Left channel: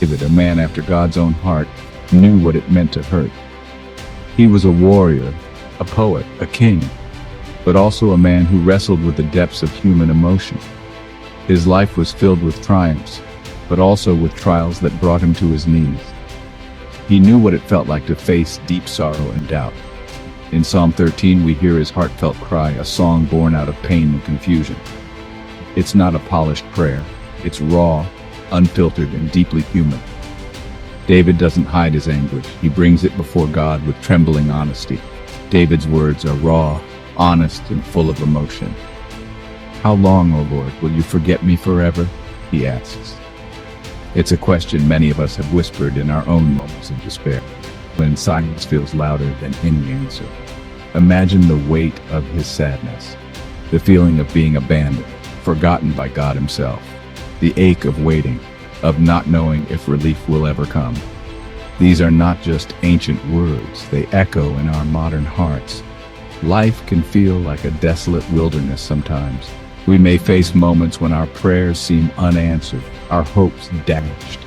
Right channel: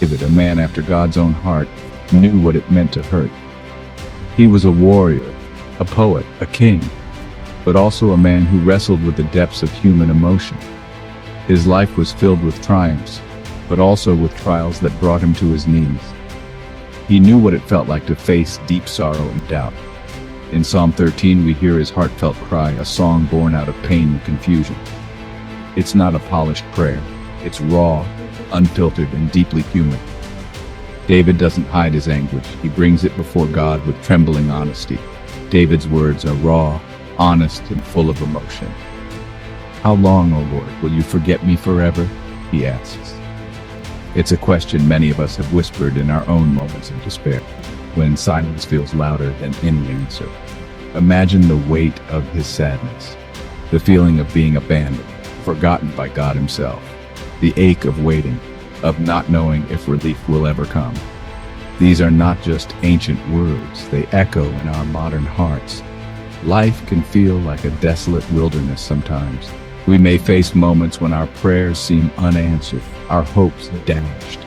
David, a man after God's own heart, knew what it meant to hurt. He was a warrior, a poet, a king, but also a man who wrestled with the depths of human emotion. His life was filled with triumphs, but also with trials that brought him to his knees. He knew what it felt like to face deep sorrow and doubt. In Psalm 13, we hear his heartfelt cry, a song born out of pain and confusion. It's not a polished prayer. It's raw, unfiltered, and deeply human. David doesn't hide his anguish. He brings it before God with trembling honesty. David's words are raw, honest, and full of emotion. "How long, O Lord, will you forget me forever?" he asks. It's a question many of us have whispered in our own moments of despair, when silence feels louder than any answer. Imagine the weight of his sadness, the feeling of being abandoned, forgotten by God himself, the ache of waiting, of not knowing if relief will ever come. These are not just ancient words, they echo in our modern hearts. Life can feel like a desolate wilderness sometimes. We may face moments when our prayers seem unanswered, our hopes dashed,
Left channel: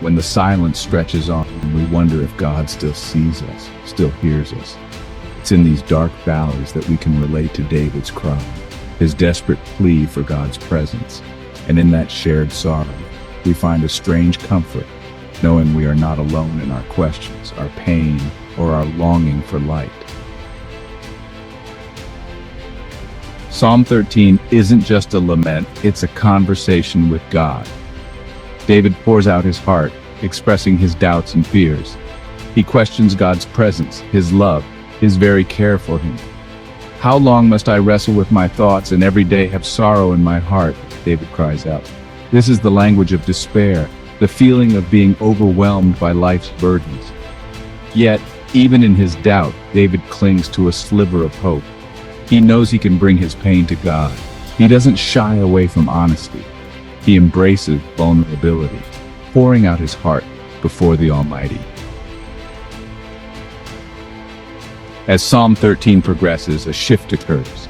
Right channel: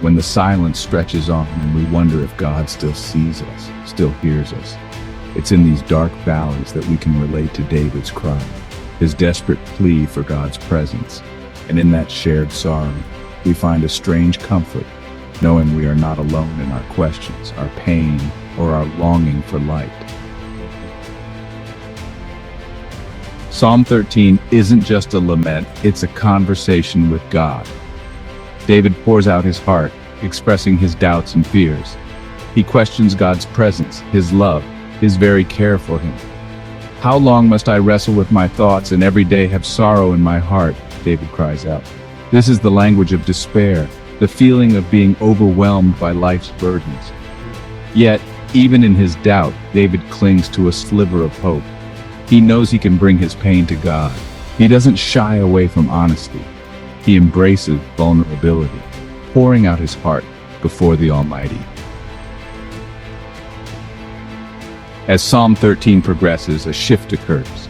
when the silence stretches on and we wonder if God still sees us, still hears us. It's in these dark valleys that we can relate to David's cry, his desperate plea for God's presence. And in that shared sorrow, we find a strange comfort, knowing we are not alone in our questions, our pain, or our longing for light. Psalm 13 isn't just a lament, it's a conversation with God. David pours out his heart, expressing his doubts and fears. He questions God's presence, his love, his very care for him. "How long must I wrestle with my thoughts and every day have sorrow in my heart?" David cries out. This is the language of despair, the feeling of being overwhelmed by life's burdens. Yet, even in his doubt, David clings to a sliver of hope. He knows he can bring his pain to God. He doesn't shy away from honesty. He embraces vulnerability, pouring out his heart before the Almighty. As Psalm 13 progresses, a shift occurs.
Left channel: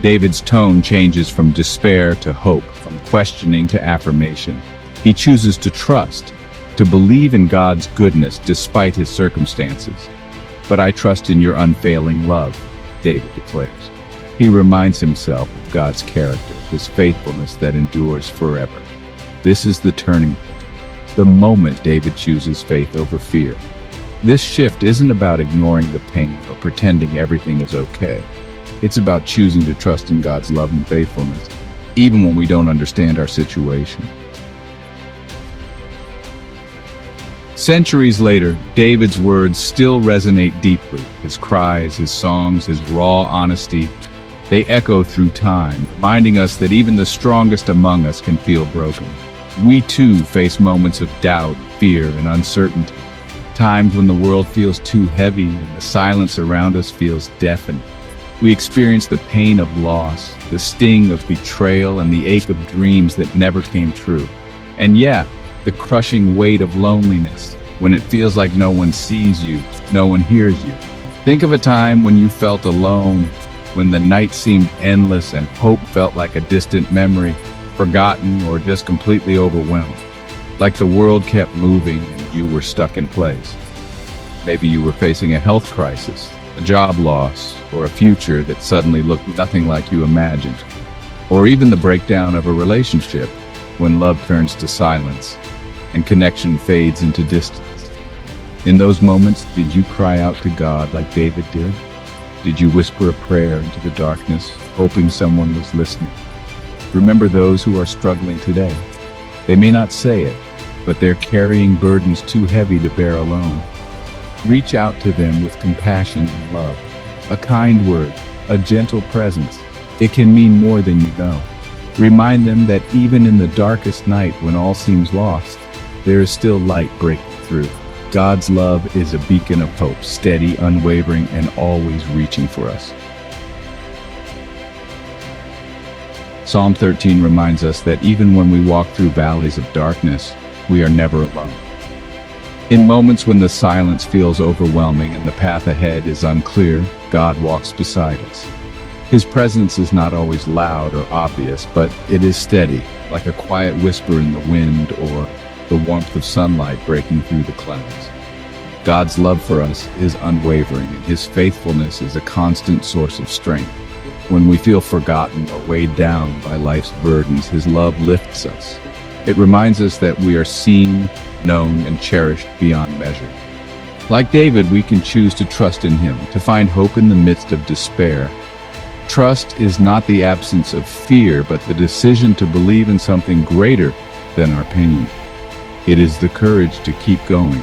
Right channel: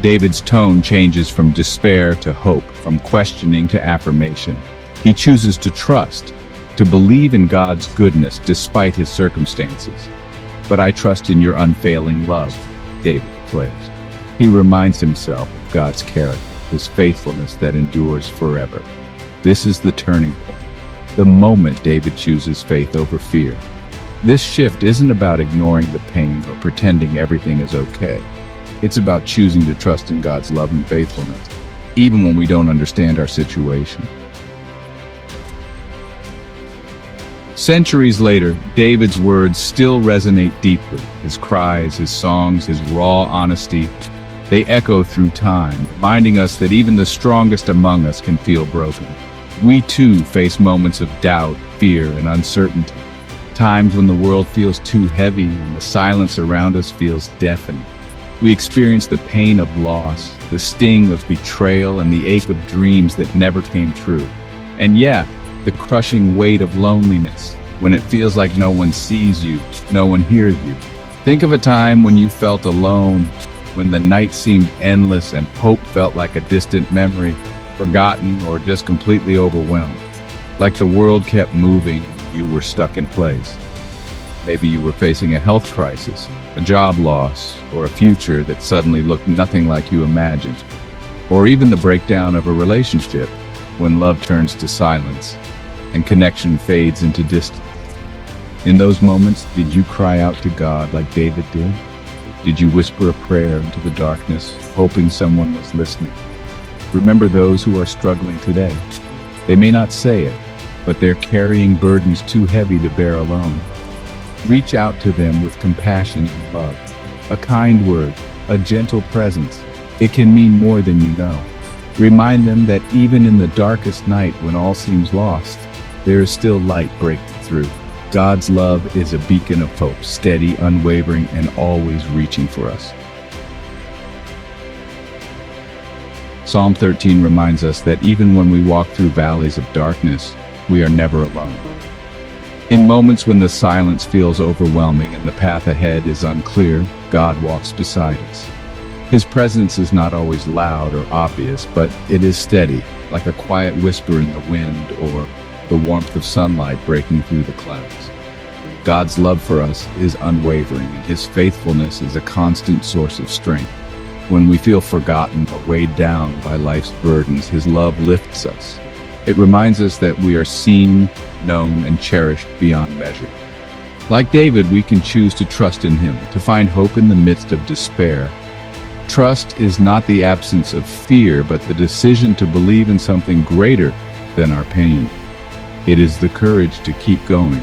David's tone changes from despair to hope, from questioning to affirmation. He chooses to trust, to believe in God's goodness despite his circumstances. "But I trust in your unfailing love," David declares. He reminds himself of God's character, his faithfulness that endures forever. This is the turning point, the moment David chooses faith over fear. This shift isn't about ignoring the pain or pretending everything is okay. It's about choosing to trust in God's love and faithfulness, even when we don't understand our situation. Centuries later, David's words still resonate deeply. His cries, his songs, his raw honesty, they echo through time, reminding us that even the strongest among us can feel broken. We too face moments of doubt, fear, and uncertainty. Times when the world feels too heavy and the silence around us feels deafening. We experience the pain of loss, the sting of betrayal, and the ache of dreams that never came true. And yet, the crushing weight of loneliness, when it feels like no one sees you, no one hears you. Think of a time when you felt alone, when the night seemed endless and hope felt like a distant memory, forgotten or just completely overwhelmed. Like the world kept moving and you were stuck in place. Maybe you were facing a health crisis, a job loss, or a future that suddenly looked nothing like you imagined. Or even the breakdown of a relationship, when love turns to silence and connection fades into distance. In those moments, did you cry out to God like David did? Did you whisper a prayer into the darkness, hoping someone was listening? Remember those who are struggling today. They may not say it, but they're carrying burdens too heavy to bear alone. Reach out to them with compassion and love. A kind word, a gentle presence. It can mean more than you know. Remind them that even in the darkest night when all seems lost, there is still light breaking through. God's love is a beacon of hope, steady, unwavering, and always reaching for us. Psalm 13 reminds us that even when we walk through valleys of darkness, we are never alone. In moments when the silence feels overwhelming and the path ahead is unclear, God walks beside us. His presence is not always loud or obvious, but it is steady, like a quiet whisper in the wind or the warmth of sunlight breaking through the clouds. God's love for us is unwavering. His faithfulness is a constant source of strength. When we feel forgotten or weighed down by life's burdens, His love lifts us. It reminds us that we are seen, known, and cherished beyond measure. Like David, we can choose to trust in Him, to find hope in the midst of despair. Trust is not the absence of fear, but the decision to believe in something greater than our pain. It is the courage to keep going,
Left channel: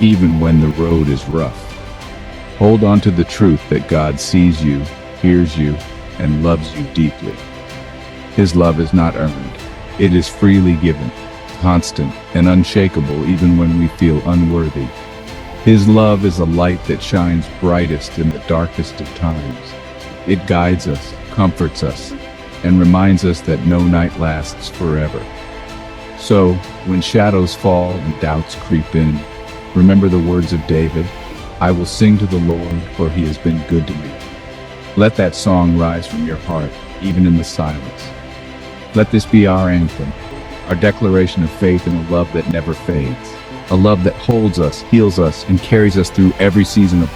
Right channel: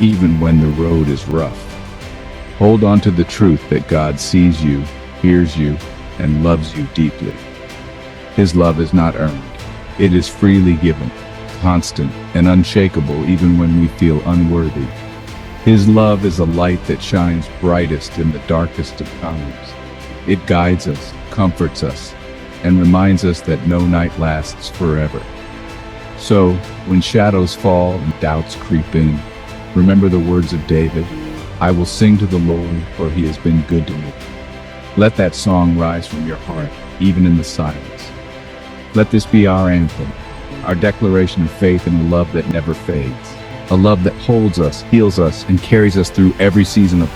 even when the road is rough. Hold on to the truth that God sees you, hears you, and loves you deeply. His love is not earned. It is freely given, constant and unshakable even when we feel unworthy. His love is a light that shines brightest in the darkest of times. It guides us, comforts us, and reminds us that no night lasts forever. So, when shadows fall and doubts creep in, remember the words of David, "I will sing to the Lord, for He has been good to me." Let that song rise from your heart, even in the silence. Let this be our anthem, our declaration of faith in a love that never fades, a love that holds us, heals us, and carries us through every season of